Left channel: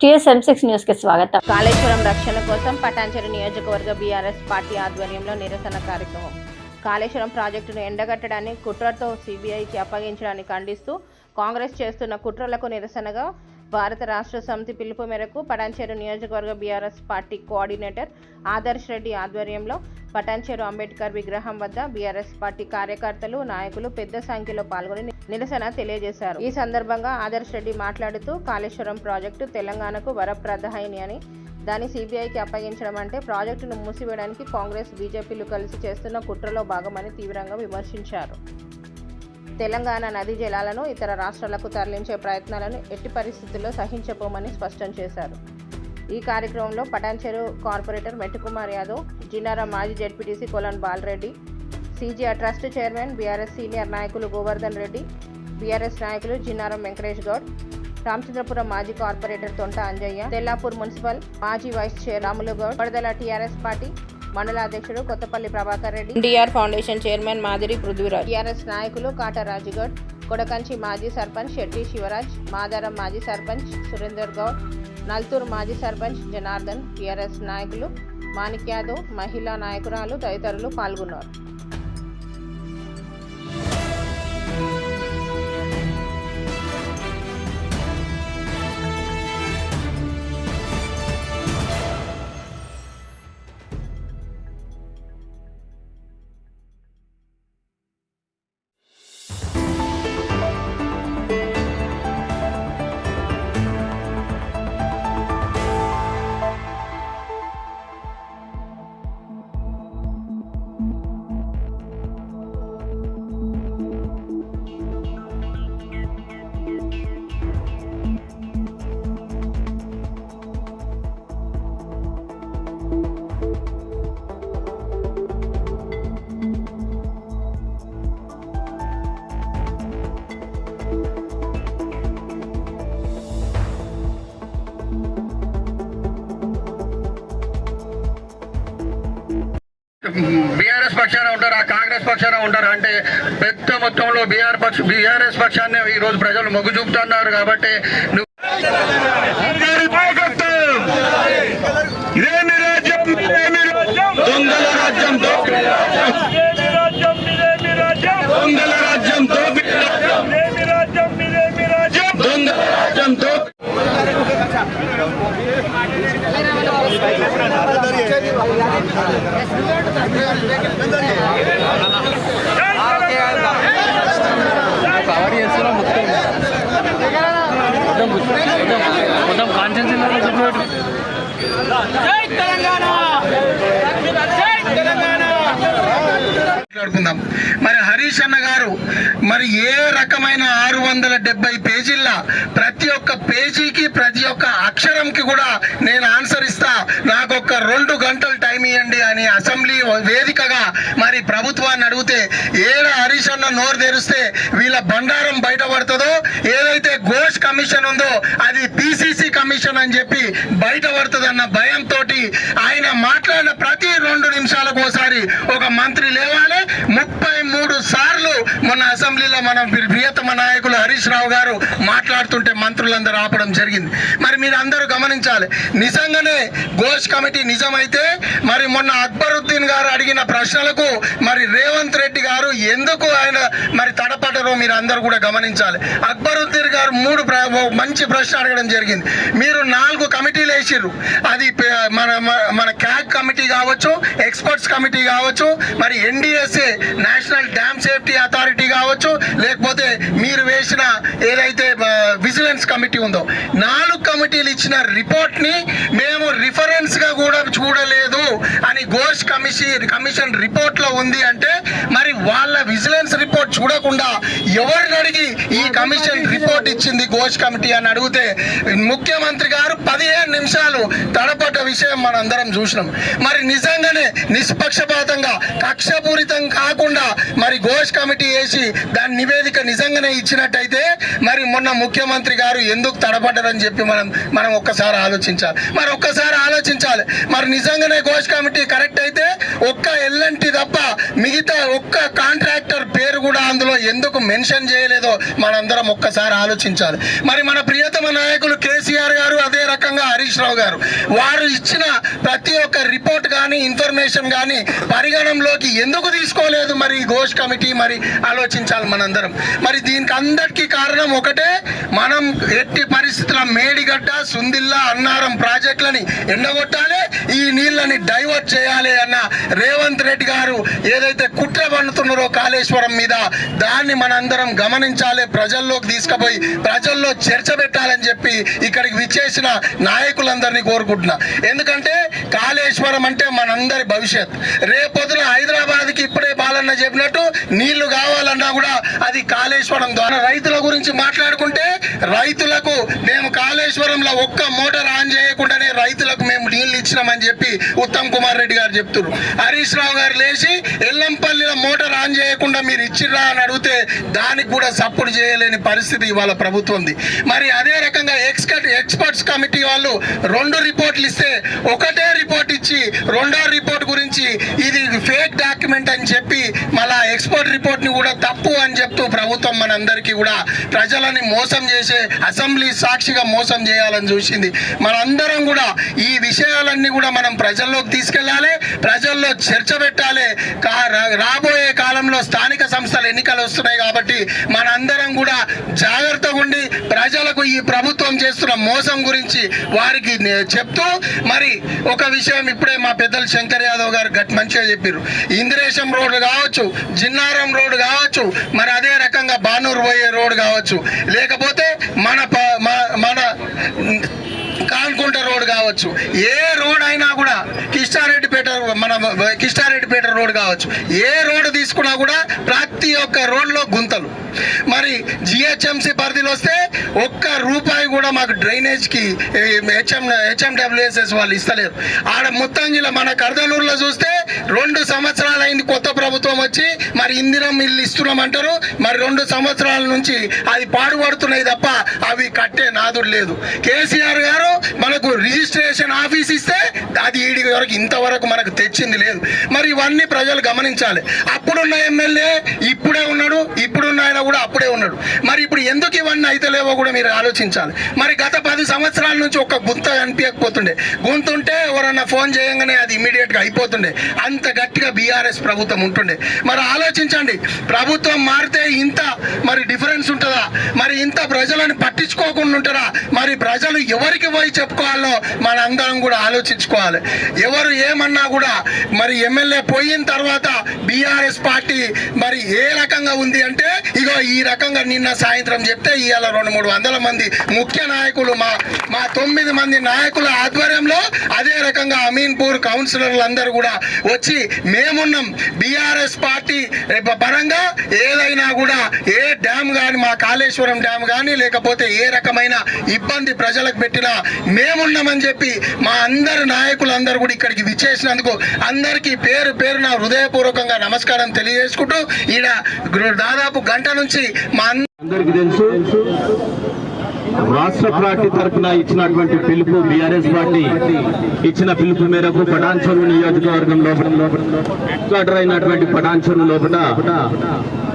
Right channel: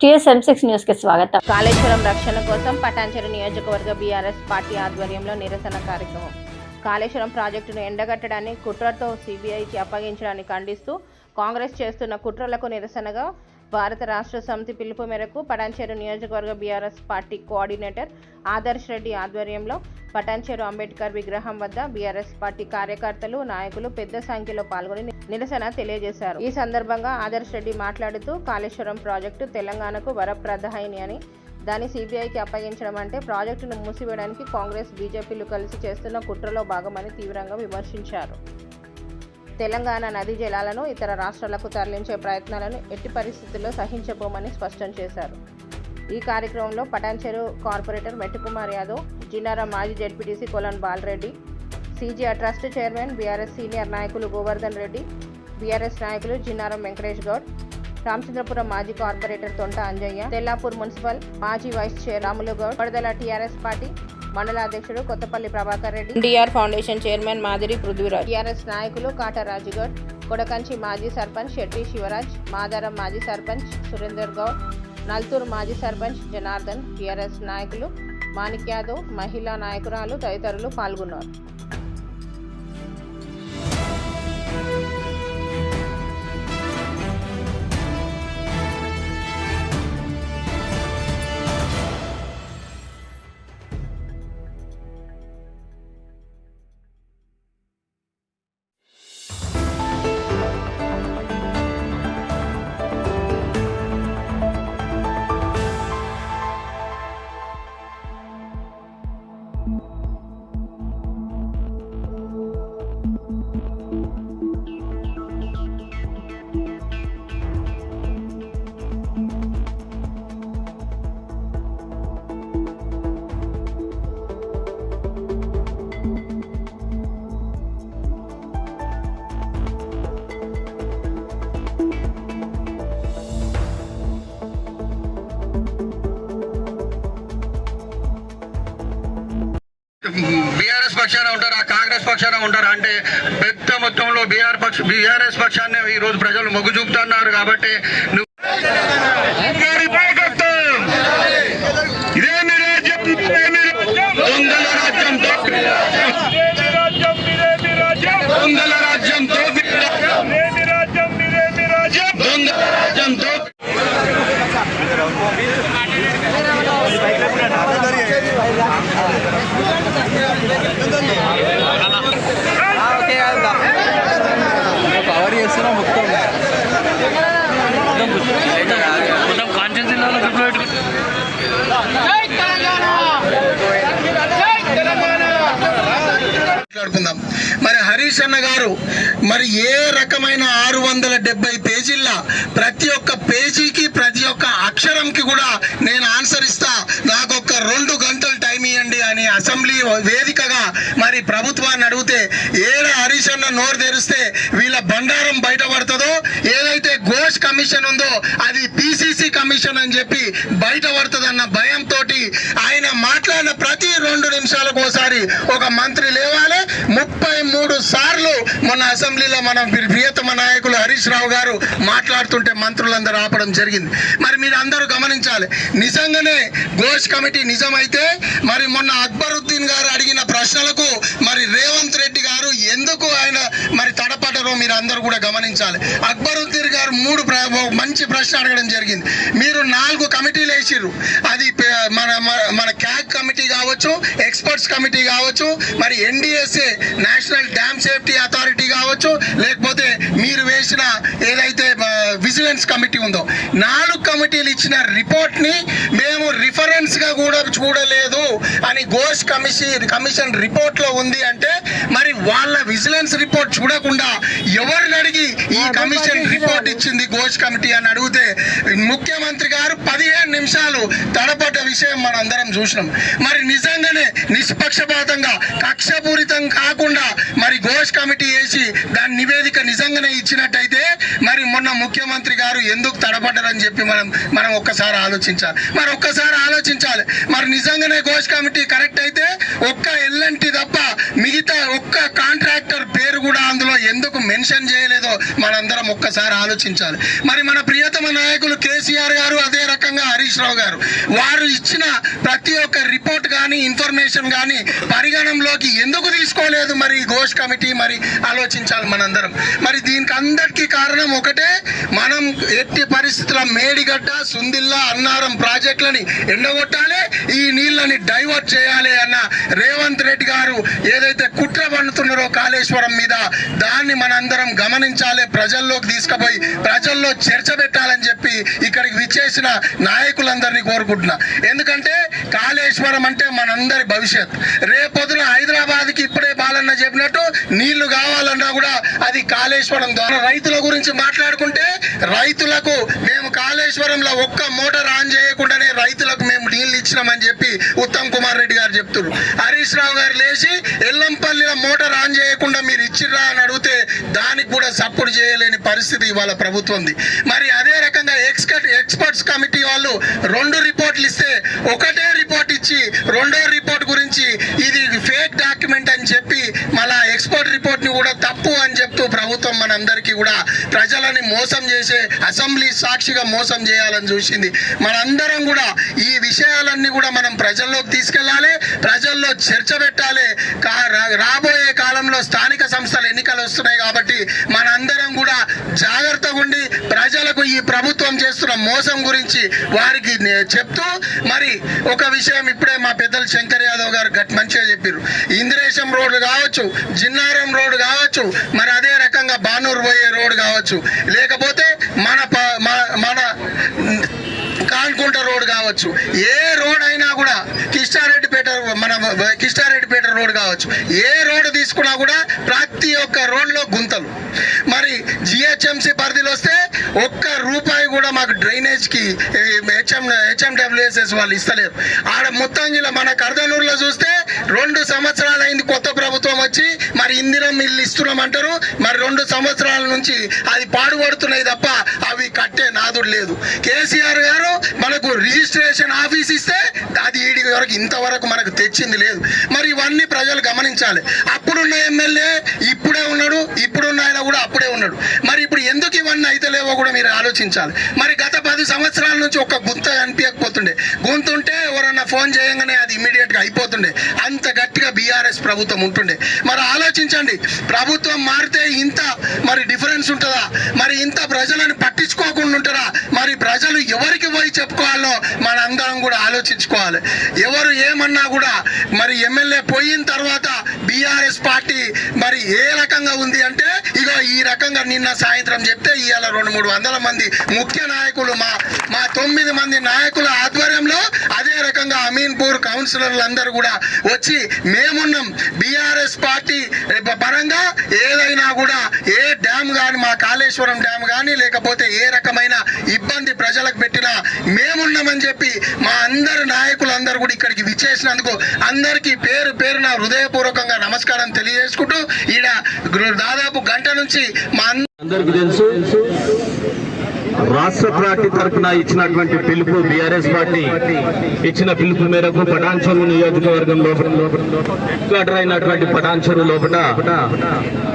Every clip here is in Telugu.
టీఎస్ఎం సిక్స్ న్యూస్కి స్వాగతం. కాళేశ్వరం రక్షణ కోసం పటాన్చెరు నియోజకవర్గ బీఆర్ఎస్ పార్టీ ఆధ్వర్యంలో నిరసన కార్యక్రమం. కాళేశ్వరం ప్రాజెక్టును ఎండగట్టడాన్ని కుట్రతో సిబిఐకి అప్పగించడాన్ని ఖండిస్తూ కాంగ్రెస్ చేస్తున్న కుట్రలకు నిరసనగా భారత రాష్ట్ర సమితి పిలుపు మేరకు పటాన్చేరు నియోజకవర్గ BRS party coordinator Adarsh Reddy ఆధ్వర్యంలో పటాన్చేరు అంబేద్కర్ విగ్రహం వద్ద బీఆర్ఎస్ పార్టీ కార్యకర్తలు నాయకులు పెద్ద సంఖ్యలో పాల్గొని నిరసన తెలియజేశారు. ఈ సందర్భంగా ఆదర్శ్ రెడ్డి మాట్లాడుతూ కాళేశ్వరం ప్రాజెక్టు తెలంగాణకు వరప్రదాయిని అని దాన్ని సిబిఐకి అప్పగించడం అంటే ప్రాజెక్టును మూసివేయడానికి కాంగ్రెస్ బీజేపీలు కలిసి చేస్తున్న కుట్రలో భాగమని తీవ్రంగా విమర్శించారు. తెలంగాణ నదీ జలాలను ఇతర రాష్ట్రాలకు తరలించే ప్రయత్నాలను ఎట్టి పరిస్థితుల్లో సహించబోమని స్పష్టం చేశారు. ఈ కార్యక్రమంలో పటాన్చెరు కార్పొరేటర్ మెట్టుకుమార్ యాదవ్ జిన్నారా మాజీ ZPTC Kolan Balareddy CGR trust chairman BRS senior నాయకులు గోవర్ధన్ రెడ్డి బీఆర్ఎస్ నాయకులు జిన్నారం వెంకటేష్ గౌడ్ రామచంద్రపురం మాజీ కార్పొరేటర్ తొంట అంజయ్య తెల్లాపూర్ మున్సిపల్ మాజీ vice chair Ramulu Goud Vadadala TRS party mandal అధ్యక్షుడు Kothapalli Prabhakar Reddy NTR foundation chairman Madiri Prudhviraj TRS నాయకులు కాట రాజుగౌడ్ కొడకంచి మాజీ సర్పంచ్ శెట్టి శివరాజ్ మాదారం మాజీ సర్పంచ్ సురేందర్ గౌడ్ నల్తూరు మాజీ సర్పంచ్ జనార్దన్ టీఆర్ఎస్ నాయకులు మాణిక్ యాదవ్ మహిళా నాయకురాలు తదితరులు పాల్గొన్నారు. బీఆర్ఎస్ పక్షాన ఉంటారా? కాంగ్రెస్ పక్షాన ఉంటారా? అంటే పెద్ద మొత్తంలో బీఆర్ పక్ష బీఆర్ఎస్ పక్షాన్ని ఈ రోజు ప్రజలు మొగ్గు చూపుతున్నారు కాబట్టి పవర్ చేస్తున్నా మొత్తం మొత్తం కాన్షియన్స్ జిల్లాలో చెప్పినట్టు మాట్లాడుకుందాం. మరి హరీష్ అన్న గారు మరి ఏ రకమైన ఆరు వందల డెబ్బై పేజీల ప్రతి ఒక్క పేజీకి ప్రతి ఒక్క అక్షరంకి కూడా నేను ఆన్సర్ ఇస్తా. రెండు గంటలు టైం ఇవ్వండి అని అసెంబ్లీ వేదికగా మరి ప్రభుత్వాన్ని అడిగితే ఏడా హరీష్ నోరు తెరిస్తే వీళ్ళ బండారం బయటపడుతుందో ఏదైతే ఘోష్ కమిషన్ ఉందో అది పిసిసి కమిషన్ అని చెప్పి బయటపడుతుందన్న భయంతో ఆయన మాట్లాడిన ప్రతి రెండు నిమిషాలకు ఒకసారి ఒక మంత్రి లేవాలి. ముప్పై మూడు సార్లు మొన్న అసెంబ్లీలో మన ప్రియతమ నాయకులు హరీష్ రావు గారు మాట్లాడుతుంటే మంత్రులందరూ ఆపడం జరిగింది. మరి మీరు అందరూ గమనించాలి. నిజంగానే ఘోష్ కమిటీ నిజమైతే మరి మొన్న అక్బరుద్దీన్ గారు అడిగిన ప్రశ్నలకు మరి రేవంత్ రెడ్డి గారు ఎందుకు ఆయన మరి తడపడరో మీరు అందరూ కూడా గమనించాలి. అక్బరుద్దీన్ గారు మూడు మంచి ప్రశ్న అడగడం జరిగింది. మీరు నాలుగు కమిటీలు వేసిర్రు. అది మన మన- క్యాగ్ కమిటీ కావచ్చు ఎక్స్పర్ట్స్ కమిటీ కావచ్చు మరి NDSA national dam safety authority కావచ్చు లేకపోతే మీరు వేసిన ఏదైతే విజిలెన్స్ కమిటీ ఉందో నాలుగు కమిటీలు ఇచ్చిన రిపోర్ట్ని మేము రిఫరెన్స్గా కూడా చూడలేదు అని ఘోష్ కమిషన్ కమిషన్ రిపోర్ట్లో ఉంది అంటే మరి వాళ్ళ విజిలెన్స్ రిపోర్ట్ చూడకుండా ఎవరిని అడిగి ఈ కమిషన్ రిపోర్ట్ ఇచ్చింది ఘోష్ కమిటీ అని అడిగితే ముఖ్యమంత్రి గారు పదిహేను నిమిషాలు తడపడ్డ విషయం మనం అందరం చూసినాం మరి నిజంగానే నిష్పక్షపాతంగా కక్షపూరితం కాకుండా మరి ఘోష్ కమిటీ వేసి దాని నివేదిక నిజంగానే ఇచ్చినట్టయితే మరి మొన్న ముఖ్యమంత్రి గారు ఎందుకు తడబడ్డారని చెప్పి మనం మనం ఒక్కసారి ఆలోచించాలి. మరి ఒక్కసారి ఆలోచించాలి. మరి నిజంగానే ఘోష్ కమిటీ కరెక్ట్ అయితే ఒక్క ఎల్లంటి తప్ప మిగతా ఒక్క కాంట్రాక్టర్ పేరు కూడా అందులో ఎందుకు మెన్షన్ చేయలేదో మనందరం ఒక్కసారి ఆలోచించాలి. మరి మన ప్రియతమ నాయకులు కేసీఆర్ గారు అదే రకంగా హరీష్ రావు గారు. వారు ఇచ్చిన ప్రతి ఒక్క రిపోర్ట్ కానీ ఇన్ఫర్మేషన్ కానీ పరిగణంలోకి ఎందుకు తీసుకోలేదు మరి ఘోష్ కమిటీ మరి ఆలోచించాలి మనందరం. మరి దీనికి అందరికీ కారణం ఒకటే మనం ఎట్టి పరిస్థితుల మేడిగడ్డ సుందిల్లా అన్నారం ప్రాజెక్టులని ఎండగొట్టాలి ఈ నీళ్ళని డైవర్ట్ చేయాలి అన్న రేవంత్ రెడ్డి గారు ఏదైతే కుట్ర పన్నుతున్నారో కాళేశ్వరం మీద దాన్ని మనందరం గమనించాలి ప్రజల్లోకి తీసుకుపోయి ప్రజల్లో చర్చ పెట్టాలని చెప్పి ఇక్కడికి విచ్చేసిన నాయకులందరినీ కోరుకుంటున్నా. ఎందుకంటే కాళేశ్వరం అంటే మనందరి భవిష్యత్. రేపొద్దున హైదరాబాద్కి ఇప్పుడే బాలన్న చెప్పినట్టు నీళ్ళు కావాలన్నా కూడా అది కాళేశ్వరం ద్వారా. రైతుల గురించి మాట్లాడుకుంటే రైతులకు మేము కాళేశ్వరంలో ఒక్క మోటార్ ఆన్ చేయకుండానే రైతులకు మేము నీళ్ళు ఇచ్చినామని చెప్పి ఉత్తమ్ కుమార్ రెడ్డి గారు చెప్తున్నారు హరీష్ రావు గారు లేచి ఎల్లంపల్లిలో మోటార్ ఆన్ చేయకుండా మీరు ఇచ్చిర్రా అని అడిగితే దానికి కూడా సపోర్ట్ చేయలేని పరిస్థితి ఇవాళ ప్రభుత్వంది. మరి అదే రకంగా ఎక్స్పర్ట్ ఎక్స్పర్ట్స్ కమిటీ వాళ్ళు రెండు రిపోర్ట్లు ఇస్తే ఒకటే రిపోర్ట్ ఇచ్చి రెండో రిపోర్ట్ గురించి ఇది ఫేక్ డాక్యుమెంట్ అని చెప్పి మళ్ళా ఎక్స్పర్ట్ రిపోర్ట్ని కూడా తప్పు అని చెప్తూ ప్రభుత్వం మనందరికీ కూడా ప్రజలని మోసం చేసే అసెంబ్లీ సాక్షిగా మోసం చేయాలని చూసింది. మనందరం కూడా ఈ విషయాలన్నీ కూడా మనం ప్రజల్లోకి తీసుకెళ్ళాలి ప్రజల్లో చర్చ పెట్టాలి కా- రా- రాబోయే రాష్ట్రంలో స్థానిక సంస్థల ఎన్నికలు వస్తున్నాయి కాబట్టి మనందరం కూడా జాగ్రత్తగా ఉండి ప్రజలకు ఈ ప్రభుత్వం చేస్తున్న మోసం గురించి వారికి చెప్తూ మరి ఒక విషయం ఇప్పుడే మా పెద్దలు శంకర్ యాదవ్ గారు గట్ మంచిగా చెప్పారు ఇంద్రేశం రోడ్డు కావచ్చు జిన్నారం రోడ్డు కావచ్చు మరి అదే రకంగా బానూరు పోయే రోడ్డు కావచ్చు. లేకపోతే మన ప- మన- మన కాన్కుంట రోడ్ కావచ్చు. ఏ రోడ్ అయినా కూడా కిష్టారెడ్డిపేట మన కిష్టారెడ్డిపేట రోడ్ కావచ్చు. ఏ రోడ్ తీసుకున్నా కూడా ప్రతి ఒక్క రోడ్లో గుంతలు. మరి జిహెచ్ఎంసి పరిధిలో వస్తే ఒక్క రూపాయి కూడా మాకు డ్రైనేజ్కి హెచ్ఎం హెచ్ఎండబ్ల్యూఎస్ఎస్ వాళ్ళు ఇస్తలేరు. ఆడ ముత్తంగిల మన కర్దనూరులో చూస్తే రెండు సంవత్సరాలు అయింది కొత్త ప్రభుత్వం వచ్చి మరి ఇందిరం ఇల్లు ఇస్తున్నాం అంటారు మరి రెండు సంవత్సరాల నుంచి అది పాడుపడుతున్నాయి తప్ప అవి కట్టే నాదుడు లేదు. కేసీఆర్ గారు మనకు రిజిస్ట్రేషన్ ఆఫీస్ ఇస్తే అది ఈడి వరకు ఇంతవరకు మనకు తెచ్చింది లేదు. మరి ఇవన్నీ ప్రజలు గమనించాలి. అప్పుడున్న ఎమ్మెల్యే ఇప్పుడే ఉన్నాడు ఇప్పుడున్న ఆయన కూడా అప్పుడే ఉన్నాడు. మరి ఇప్పుడు ఎందుకు ఇవన్నీ అయితే లేవో కూడా మీరు ఆలోచించాలి. మరి గత పది సంవత్సరాల నుంచి ఒక గుంత కనిపించకపోతుండే. గుంతుంటే ఎవరన్నా ఫోన్ చేయగానే అది ఇమీడియట్గా అయిపోతుండే. అంత గట్టిగా బీఆర్ఎస్ ప్రభుత్వం ఉంటుండే. మరి ఆలోచించండి. ప్రభుత్వం మారితే ఇంత మరి డిఫరెన్స్ ఉంటుందా? మరి ఇంత ప్రజలను పట్టించుకోకుండా ఉంటారా మరి ప్రజలు ఎవరికి పోయి చెప్పుకోవాలో మన అందరం కూడా ఆలోచించుకోవాలి. ఎవరు ఏమన్నా కూడా మరి ఎమ్మెల్యే పోయిన తర్వాత బీఆర్ఎస్ పార్టీ మరి ఏ రకంగా ఉంది అంటే ఇగో ఈ రకంగా నిన్న సాయంత్రం చెప్తే ఇవాళ రెండు మూడు వందల మంది ముఖ్య నాయకులు మా మా తొమ్మిది మంది నాయకుల ఆధ్వర్యంలో అదే రకంగా అమీన్పూర్ కౌన్సిలర్లు అందరూ కూడా వచ్చి మేమున్నాం. బీఆర్ఎస్ పార్టీ పరంగా ఏదైనా కూడా ఏ డ్యామ్ కానీ మా కాళేశ్వరం డ్యామ్ కానీ లేకపోతే ఏ రకమైన ఇబ్బంది ప్రజలకు పెట్టినా మేమున్నామని చెప్పి మా అందరు నాయకులందరూ కూడా ఇక్కడికి విచ్చేసినందుకు అందరికీ పేరు పేరు నా హృదయపూర్వకంగా నమస్కారం తెలియజేసుకుంటూ ఈడ దాదాపు గంట నుంచి మా అందరి అందరికీ తెలుసు. రాష్ట్ర పార్టీ తరఫున ఇచ్చినటువంటి పిలుపు బీఆర్ఎస్ పార్టీ ఇచ్చిన పిలుపు మేరకు పటాన్చెరు నియోజకవర్గం లోపల హెడ్ క్వార్టర్ అయినటువంటి పటాన్చెరు లోపల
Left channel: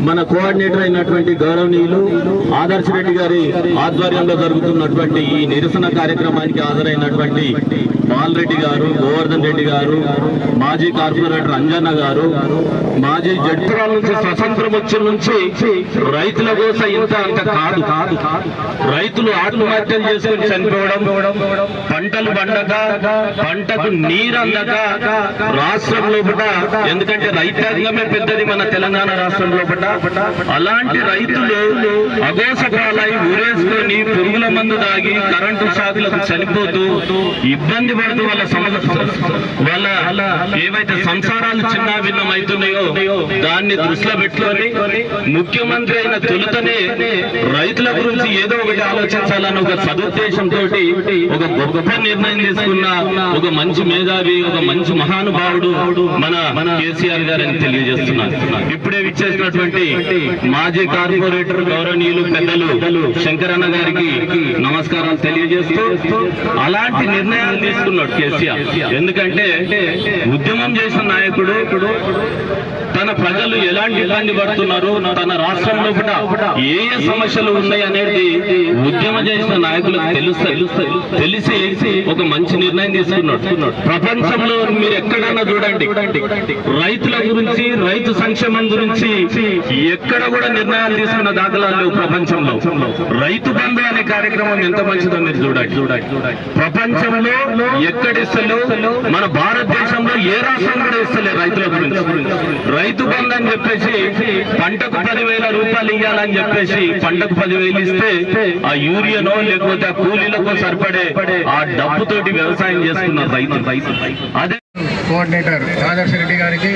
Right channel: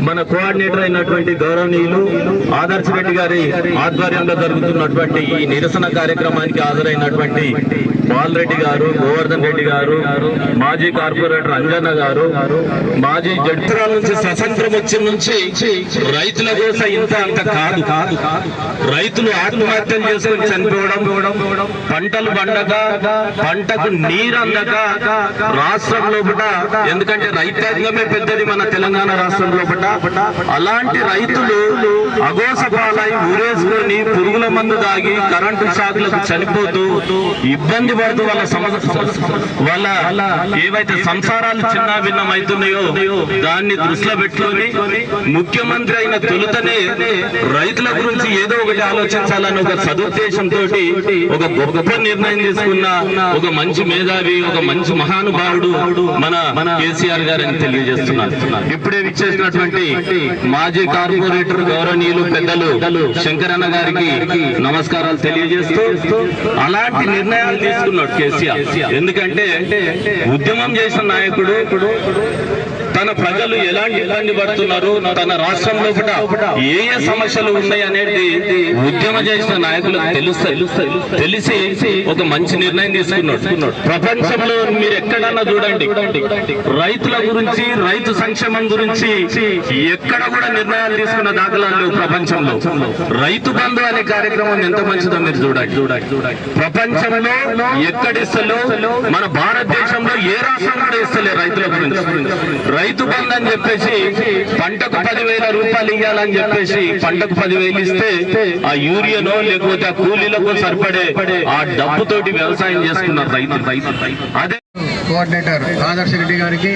మన కోఆర్డినేటర్ అయినటువంటి గౌరవనీయులు ఆదర్శ రెడ్డి గారి ఆధ్వర్యంలో జరుగుతున్నటువంటి ఈ నిరసన కార్యక్రమానికి హాజరైనటువంటి బాలరెడ్డి గారు గోవర్ధన్ రెడ్డి గారు మాజీ కార్పొరేటర్ అంజన్న గారు మాజీ జడ్పురాల నుంచి స్వతంత్రం వచ్చిన నుంచి రైతుల కోసం ఇంత అంత కాదు. కాదు రైతులు ఆత్మహత్యలు చేసుకుని చనిపోవడం పంటలు పండక పంటకు నీరు అందక రాష్ట్రంలో కూడా ఎందుకంటే రైతాంగమే పెద్దది మన తెలంగాణ రాష్ట్రంలో కూడా అలాంటి రైతులు అగోస పాలై కానీ పురుగుల మందు దాగి కరెంటు షాకులకు చనిపోతూ ఇబ్బంది పడుతూ వాళ్ళ సమస్య వాళ్ళ ఏవైతే సంసారాలు చిన్న భిన్నం అవుతున్నాయో దాన్ని దృష్టిలో పెట్టుకొని ముఖ్యమంత్రి అయిన తొలుతనే రైతుల గురించి ఏదో ఒకటి ఆలోచించాలని ఒక సదుద్దేశంతో ఒక గొప్ప నిర్ణయం తీసుకున్న ఒక మంచి మేధావి ఒక మంచి మహానుభావుడు మన మన కేసీఆర్ గారు అని తెలియజేస్తున్నారు. ఇప్పుడే విచ్చేసినటువంటి మాజీ కార్పొరేటర్ గౌరవనీయులు పెద్దలు శంకరన్న గారు గారికి నమస్కారాలు తెలియజేస్తూ అలాంటి నిర్ణయాలు తీసుకున్నాడు కేసీఆర్. ఎందుకంటే ఉద్యమం చేసిన నాయకుడు తన ప్రజలు ఎలాంటి ఇబ్బంది పడుతున్నారు? తన రాష్ట్రంలో కూడా ఏ ఏ సమస్యలు ఉన్నాయి అనేది ఉద్యమ చేసిన నాయకులు తెలుస్తాయి తెలిసి ఒక మంచి నిర్ణయం తీసుకున్నాడు. ప్రపంచంలో మీరు ఎక్కడన్నా చూడండి. రైతుల గురించి రైతు సంక్షేమం గురించి ఎక్కడ కూడా నిర్ణయాలు తీసుకున్న దాఖలాలు ప్రపంచంలో. రైతు బంధు అనే కార్యక్రమం ఎంత మంచిదో మీరు చూడండి. చూడండి ప్రపంచంలో ఎక్కడిస్తలో మన భారతదేశంలో ఏ రాష్ట్రం కూడా ఇస్తలే రైతుల గురించి. రైతు బంధు అని చెప్పేసి పంటకు పదివేల రూపాయలు ఇవ్వాలని చెప్పేసి పంటకు పదివేలు ఇస్తే ఆ యూరియానో లేకపోతే ఆ కూలీలకు సరిపడే ఆ డబ్బుతోటి వ్యవసాయం చేసుకున్నారు రైతు. రైతు అదే కోఆర్డినేటర్ ఆదర్శ రెడ్డి గారికి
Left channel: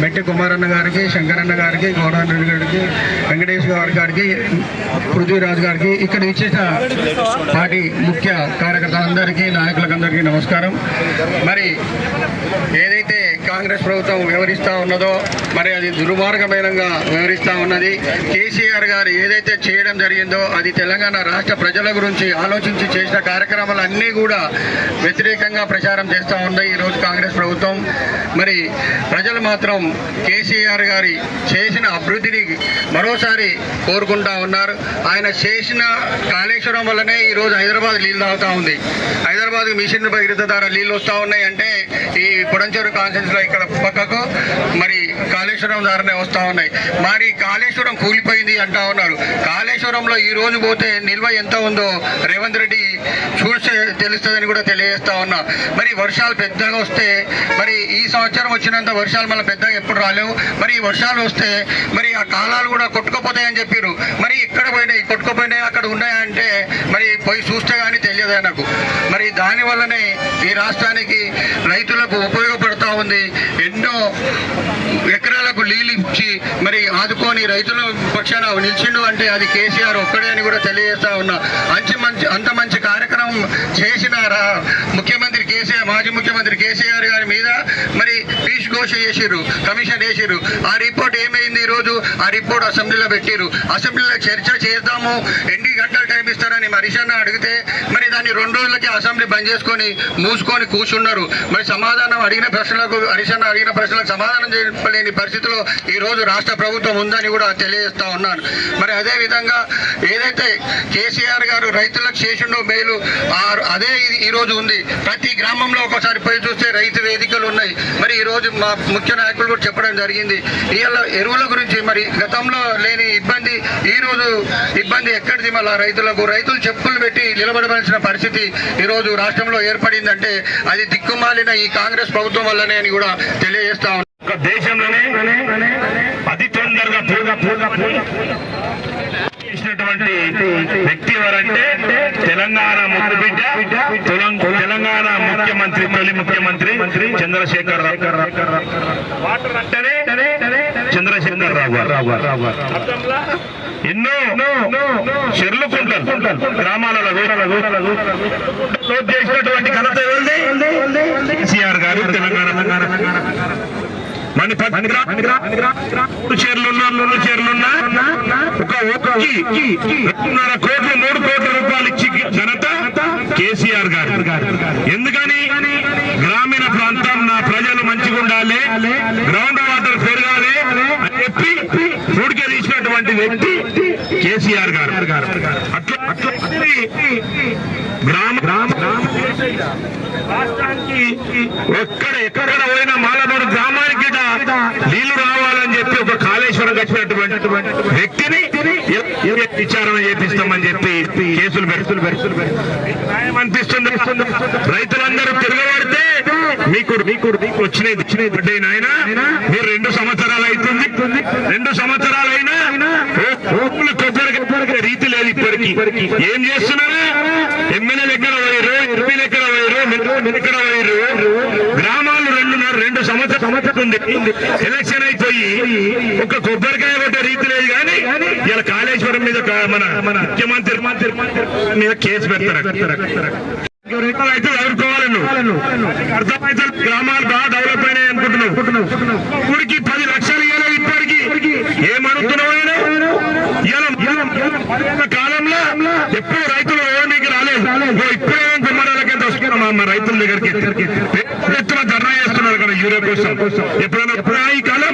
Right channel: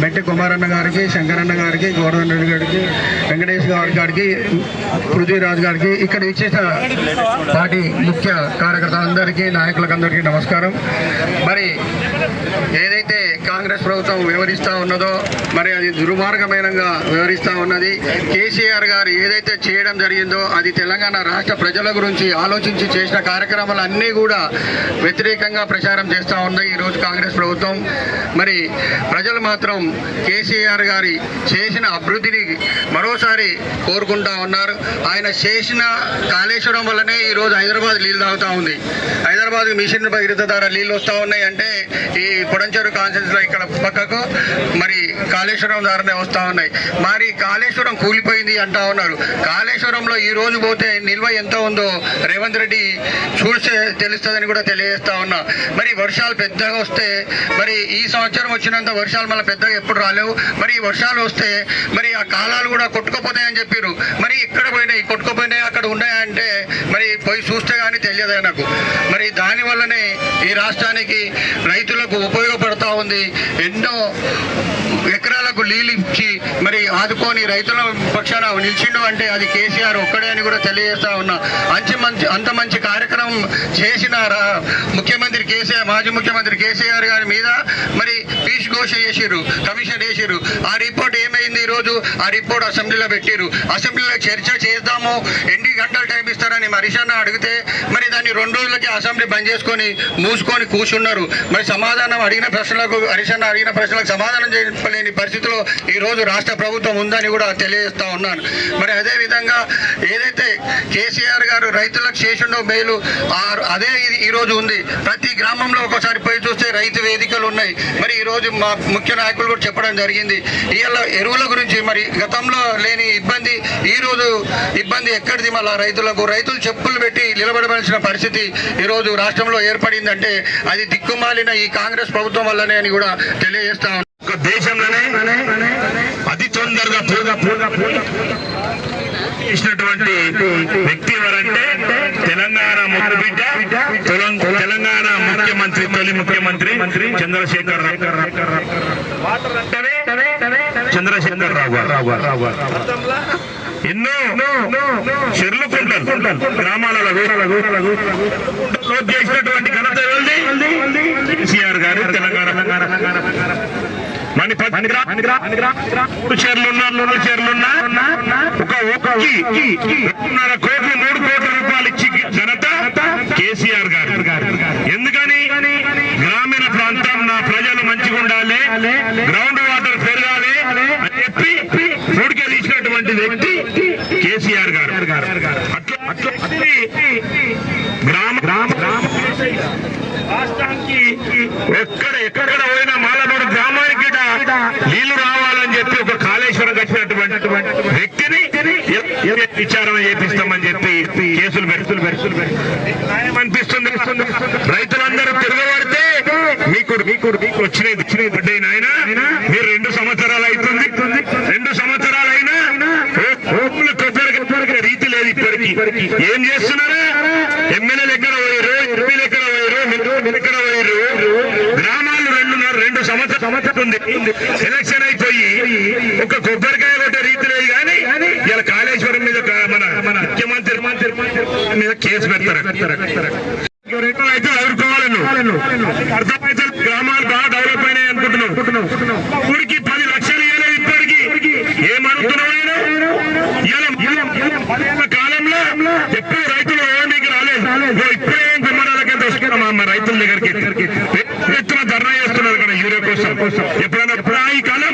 మెట్టి కుమారన్న గారికి శంకరన్న గారికి గౌరవన్ రెడ్డి గారికి వెంకటేష్ గారి గారికి పృథ్వీరాజ్ గారికి ఇక్కడ ఇచ్చేసిన పార్టీ ముఖ్య కార్యకర్తలందరికీ నాయకులకు అందరికీ నమస్కారం. మరి ఏదైతే కాంగ్రెస్ ప్రభుత్వం వివరిస్తూ ఉన్నదో మరి అది దుర్మార్గమైనంగా వివరిస్తూ ఉన్నది. కేసీఆర్ గారు ఏదైతే చేయడం జరిగిందో అది తెలంగాణ రాష్ట్ర ప్రజల గురించి ఆలోచించి చేసిన కార్యక్రమాలు అన్నీ కూడా వ్యతిరేకంగా ప్రచారం చేస్తూ ఉన్నాయి ఈరోజు కాంగ్రెస్ ప్రభుత్వం. మరి ప్రజలు మాత్రం కేసీఆర్ గారి చేసిన అభివృద్ధిని మరోసారి కోరుకుంటా ఉన్నారు. ఆయన చేసిన కాళేశ్వరం వల్లనే ఈరోజు హైదరాబాద్ నీళ్ళు తాగుతూ ఉంది. హైదరాబాద్ మిషన్ భగీరథ ద్వారా నీళ్ళు వస్తూ ఉన్నాయి అంటే ఈ పొడంచేరు కాన్సెన్స్ ఇక్కడ పక్కకు మరి కాళేశ్వరం ద్వారానే వస్తూ ఉన్నాయి. మరి కాళేశ్వరం కూలిపోయింది అంటా ఉన్నారు. కాళేశ్వరంలో ఈ రోజు పోతే నిల్వ ఎంత ఉందో రేవంత్ రెడ్డి చూస్తే తెలుస్తుందని కూడా తెలియజేస్తా ఉన్నా. మరి వర్షాలు పెద్దగా వస్తే మరి ఈ సంవత్సరం వచ్చినంత వర్షాలు మళ్ళీ పెద్దగా ఎప్పుడు రాలేవు. మరి ఈ వర్షాలు వస్తే మరి ఆ కాలాలు కూడా కొట్టుకుపోతాయని చెప్పారు మరి ఇక్కడ పోయినాయి? కొట్టుకుపోయినాయి? అక్కడ ఉన్నాయంటే మరి పోయి చూస్తే కానీ తెలియదు నాకు. మరి దానివల్లనే ఈ రాష్ట్రానికి రైతులకు ఉపయోగపడతా ఉంది. ఎన్నో ఎకరాలకు నీళ్ళు ఇచ్చి మరి ఆదుకొని రైతుల పక్షాన నిలిచిండు అంటే అది కేసీఆర్ ఒక్కడే అని కూడా తెలియజేస్తా ఉన్నా. అంచి మంచి అంత మంచి కార్యక్రమం చేసిన ముఖ్యమంత్రి కేసీఆర్ మాజీ ముఖ్యమంత్రి కేసీఆర్ గారి మీద? మరి ఘోష చేసిర్రు కమిషన్ వేసిర్రు. ఆ రిపోర్ట్ ఏమైంది ఈ రోజు ఆ రిపోర్ట్ అసెంబ్లీలో పెట్టిర్రు. అసెంబ్లీలో చర్చ చేద్దాము ఎన్ని గంటలు టైం ఇస్తారని మరిషన్న అడిగితే మరి దాన్ని రెండు రోజులకి అసెంబ్లీ బంద్ చేసుకొని మూసుకొని కూర్చున్నారు. మరి సమాధానం అడిగిన ప్రశ్నలకు హరిశన్న అడిగిన ప్రశ్నలకు సమాధానం చెప్పలేని పరిస్థితిలో ఈరోజు రాష్ట్ర ప్రభుత్వం ఉందని కూడా తెలియజేస్తా ఉన్నాను. మరి అదే విధంగా ఏదైతే కేసీఆర్ గారు రైతులకు చేసిండో మేలు అదే ఇది ఈ రోజు ఉంది. ప్రతి గ్రామంలో ఒకసారి పోయి చూస్తే రైతు వేదికలు ఉన్నాయి. మరి ఈరోజు మా ముఖ్య నాయకులు కూడా చెప్పడం జరిగింది. ఇవాళ ఎరువుల గురించి మరి గతంలో లేని ఇబ్బంది ఈ రోజు ఇబ్బంది ఎక్కడిది మళ్ళా రైతులకు? రైతులు చెప్పులు పెట్టి నిలబడవలసిన పరిస్థితి ఈ రోజు రాష్ట్రంలో ఏర్పడిందంటే అది దిక్కుమాలిన ఈ కాంగ్రెస్ ప్రభుత్వం వల్లనే అని కూడా తెలియజేస్తా ఒక దేశంలోనే అతి తొందరగా పూర్ణ పూర్ణ చేసినటువంటి వ్యక్తి ఎవరంటే తెలంగాణ ముఖ్యబిడ్డ తెలంగాణ ముఖ్యమంత్రి తొలి ముఖ్యమంత్రి చంద్రశేఖర్ రావు. వాటర్ అంటేనే చంద్రశేఖర్ రావు రావు ఎన్నో చెర్లు కుంటలు గ్రామాలలో చేసినటువంటి ఘనత ఏంది? కేసీఆర్ గారు తెలంగాణ. మణిపత్ మూడు చీరలున్నా మూడు చీరలున్నా. ఒక ఒక్కకి రెండున్నర కోట్లు మూడు కోట్ల రూపాయలు ఇచ్చి జనత కేసీఆర్ గారు. ఎందుకని? గ్రామీణ ప్రాంతం నా ప్రజలు మంచిగా ఉండాలి. గ్రౌండ్ వాటర్ పెరగాలి అని చెప్పి పూడికే తీసినటువంటి వ్యక్తి కేసీఆర్ గారు. అట్లా గ్రామ గ్రామ రాష్ట్రానికి ఎక్కడ ఎక్కడ పోయినా మాలమూరు గ్రామానికి కూడా నీళ్ళు రావాలని చెప్పి ఒక కాళేశ్వరం కట్టినటువంటి వ్యక్తిని విచారణ చేపిస్తామని చెప్పి కేసులు పెడుతులు పెడుతులు న్యాయం అనిపిస్తుంది. రైతులందరూ తిరగబడితే మీకు మీకు మీకు వచ్చినది వచ్చినది బిడ్డ నాయన. మీరు రెండు సంవత్సరాలు అవుతుంది. రెండు సంవత్సరాలు అయినా కొబ్బరి కొబ్బరికి రీతి లేదు ఇప్పటికి. ఏం చేస్తున్నారు? ఎమ్మెల్యేలు ఎక్కడ పోయారు ఎంపీలు ఎక్కడ పోయారు ఎక్కడ పోయారు గ్రామాలు రెండున్నర రెండు సంవత్సరం సంవత్సరం ఉంది ఎలక్షన్ అయిపోయి ఒక కొబ్బరికాయ కొట్టే రీతి లేదు కానీ ఇలా కాళేశ్వరం మీద ఒక మన మన ముఖ్యమంత్రి మంత్రి మీద కేసు పెడతారు. అయితే అర్థమైతే గ్రామాలు బాగా డెవలప్ అయినాయి అనుకుంటున్నావు. ఊరికి పది లక్షలు ఇవ్వలేదు ఇప్పటికి. ఏమనుకున్నావు ఆయన? ఇలా- ఇలా పదేళ్ళ కాలంలో ఎప్పుడు రైతులు ఓనికి రాలేదు ఓ ఇప్పుడే గుమ్మడాలకి వస్తున్నాం మా రైతుల దగ్గరికి పెద్ద ఎత్తున ధర్నా చేస్తున్నారు కదా యూరియా కోసం ఎప్పుడైనా ఎప్పుడా ఈ కాలం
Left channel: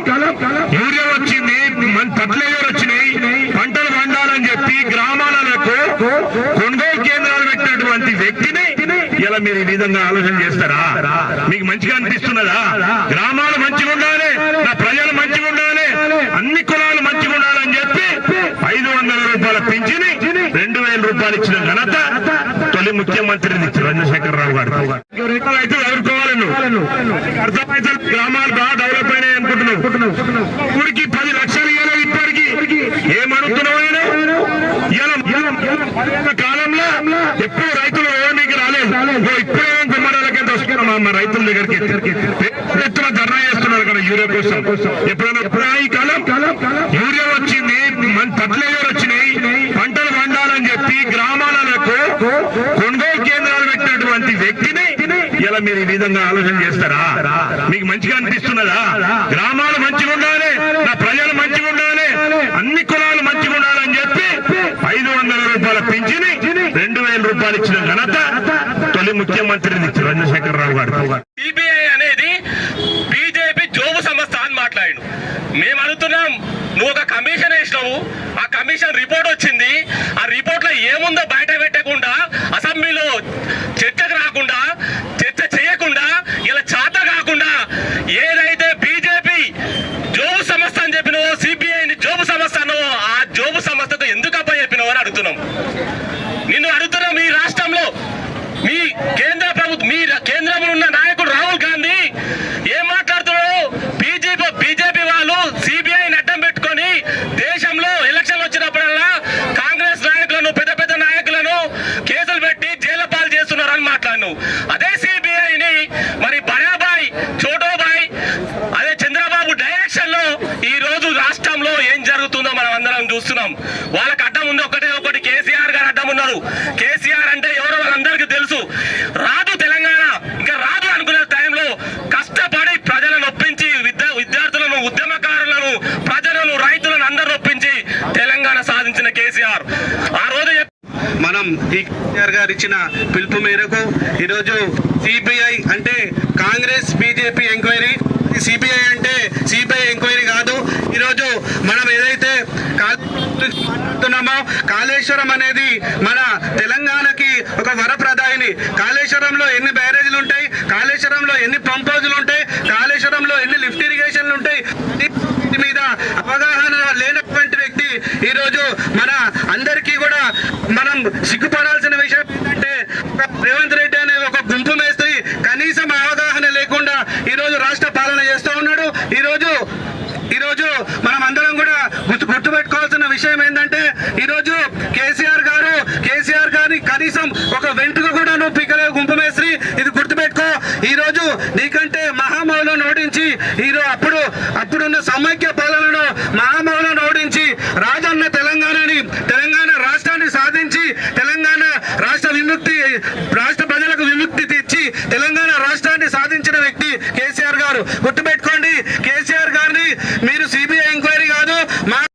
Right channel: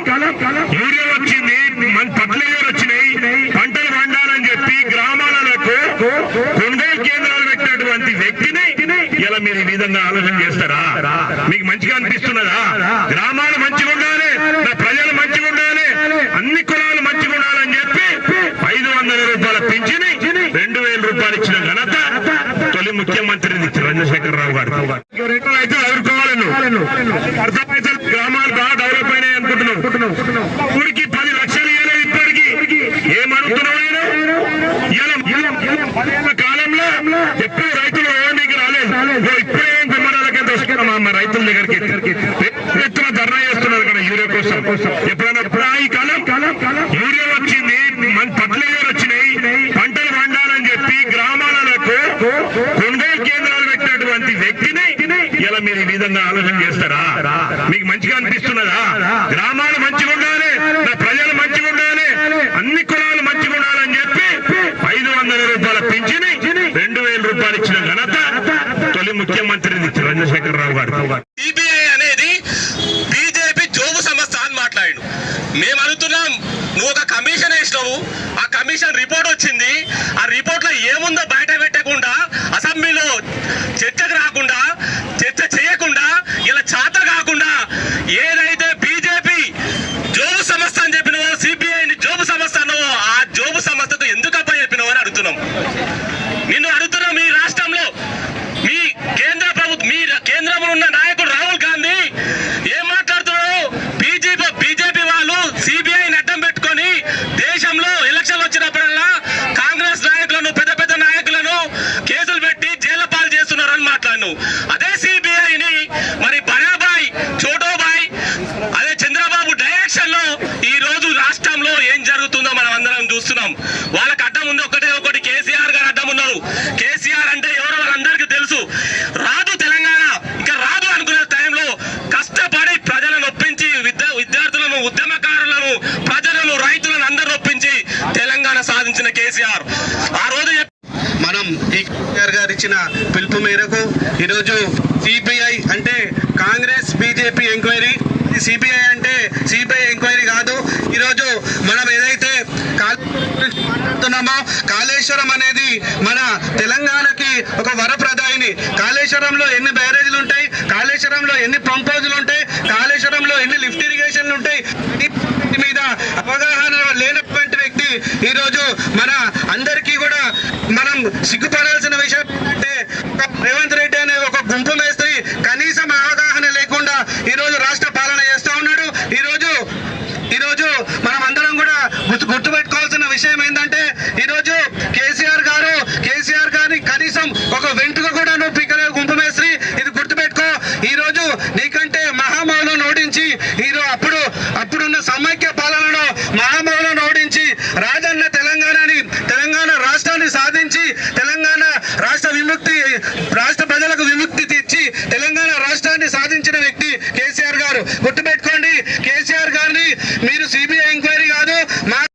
యూరియా వచ్చింది మన పట్లేరు వచ్చినాయి పంటలు పండాలని చెప్పి గ్రామాలకు కొనుగోలు కేంద్రాలు పెట్టినటువంటి వ్యక్తిని ఇలా మీరు ఈ విధంగా ఆలోచన చేస్తారా? మీకు మంచిగా అనిపిస్తున్నదా? గ్రామాలు మంచిగా ఉండాలి నా ప్రజలు మంచిగా ఉండాలి అన్ని కులాలు మంచిగా ఉండాలని చెప్పి ఐదు వందల రూపాయల పింఛని రెండు వేల రూపాయలు ఇచ్చిన ఘనత తొలి ముఖ్యమంత్రి చంద్రశేఖర్ రావు గారు అయితే ఎదుర్కోవాలను అర్థమైతే గ్రామాలు బాగా డెవలప్ అయినాయి అనుకుంటున్నావు. ఊరికి పది లక్షలు ఇవ్వలేదు ఇప్పటికి. ఏమనుకున్నావు పదేళ్ళ కాలంలో ఎప్పుడు రైతులు ఓనికి రాలేదు. ఓ ఇప్పుడే గుమ్మడాలకి వస్తున్నాం మా రైతుల దగ్గరికి. ఎత్తున ధర్నా చేస్తున్నారు కదా యూరియా కోసం. ఎప్పుడైనా ఇప్పుడు ఈ కాలం? యూరియా వచ్చింది మన వచ్చినాయి? పంటలు పండాలని చెప్పి గ్రామాలకు కొనుగోలు కేంద్రాలు పెట్టినటువంటి వ్యక్తిని ఇలా మీరు ఈ విధంగా ఆలోచన చేస్తారా? మీకు మంచిగా అనిపిస్తున్నదా? గ్రామాలు మంచిగా ఉండాలి నా ప్రజలు మంచిగా ఉండాలి అన్ని కులాలు మంచిగా ఉండాలని చెప్పి ఐదు వందల రూపాయల పింఛని రెండు వేల రూపాయలు ఇచ్చిన ఘనత తొలి ముఖ్యమంత్రి చంద్రశేఖర్ రావు గారు. సిబిఐ అనేది బీజేపీ జోబు సంస్థ అని మాట్లాడు మేము అడుగుతున్నాం నువ్వు ఒక కమిషన్ వేసినావు ఆ కమిషన్ రిపోర్ట్ వచ్చింది ఆ రిపోర్ట్లో ఏముందో బయట పెట్టకుండా అసెంబ్లీలో చర్చకు రాకుండా చర్చ చేయకుండా ఇలా చాత కాకుండా ఏదైనా బీజేపీ జోబు సంస్థ అని చెప్పినవో సిబిఐ జోబు సంస్థ అన్నవో ఆ జోబు సంస్థకు ఎందుకు అప్ప చెప్పినవో అని అడుగుతున్నాం నిన్ను అడుగుతున్నాం మీ రాష్ట్రంలో మీ కేంద్ర ప్రభుత్వం మీ కేంద్రంలో ఉన్న నాయకుడు రాహుల్ గాంధీ ఏం మాట్లాడుతున్నాడు బీజేపీ బీజేపీ వాళ్ళు సిబిఐని అడ్డం పెట్టుకొని దేశంలో ఎలక్షన్ వచ్చినప్పుడల్లా కాంగ్రెస్ నాయకులను పెద్ద పెద్ద నాయకులను కేసులు పెట్టి జైలు పాలు చేస్తున్నారని మాట్లాడు అదే సిబిఐని మరి బడాబాయ్ చోటోబాయ్ అదే చంద్రబాబు డైరెక్షన్లో ఈ రోజు రాష్ట్రంలో ఏం జరుగుతుందో మనం అందరం చూస్తున్నాం వాళ్ళకి అడ్డం ఉంది ఒకటే ఒకటి కేసీఆర్ గారు అడ్డం ఉన్నారు కేసీఆర్ అంటే ఎవరో వాళ్ళందరికీ తెలుసు రాదు తెలంగాణ ఇంకా రాదు అనుకునే టైంలో కష్టపడి ప్రజలను ఒప్పించి విద్యా విద్యార్థులను ఉద్యమకారులను ప్రజలను రైతులను అందరూ ఒప్పించి తెలంగాణ సాధించిన కేసీఆర్ ఆ రోజు చెప్- మనం కేసీఆర్ గారు ఇచ్చిన పిలుపు మేరకు ఈరోజు సిబిఐ అంటే కాంగ్రెస్ బీజేపీ ఎంక్వైరీ. సిబిఐ అంటే సిబిఐ ఎంక్వైరీ కాదు. ఈరోజు మనం ఏదైతే మాట్లాడుతున్నామో కాళేశ్వరం అనేది మన తెలంగాణకి ఒక వరప్రదాయిని కాళేశ్వరంలో ఎన్ని బ్యారేజీలు ఉంటాయి? కాళేశ్వరంలో ఎన్ని పంపోజులు ఉంటాయి? కాళేశ్వరంలో ఎన్ని లిఫ్ట్ ఇరిగేషన్లు ఉంటాయి? మీద అవగాహన లేని ఈరోజు ఈ రోజు మన అందరికీ కూడా మనం సిగ్గుపడాల్సిన విషయం ఏంటంటే ఒక రేవంత్ రెడ్డి అనే ఒక గుంపు మేస్త్రి కనీసం అవగాహన లేకుండా ఈ రోజు రాష్ట్ర పాలన చేస్తూ ఉన్నాడు. ఈ రోజు ఈ రోజు మనం అందరం కూడా గుర్తు గుర్తుపెట్టుకోవాల్సిన విషయం ఏంటంటే ఈ రోజు కేసీఆర్ గారు కేసీఆర్ గారిని కనీసం ఒక వెంట్రుక కూడా నువ్వు పిక్కలే గుంపు మేస్త్రి. ఇది గుర్తుపెట్టుకో. ఈ రోజు నీకంటే మహామౌలను ఓడించి ఈరోజు అప్పుడు అప్పుడున్న సమైక్య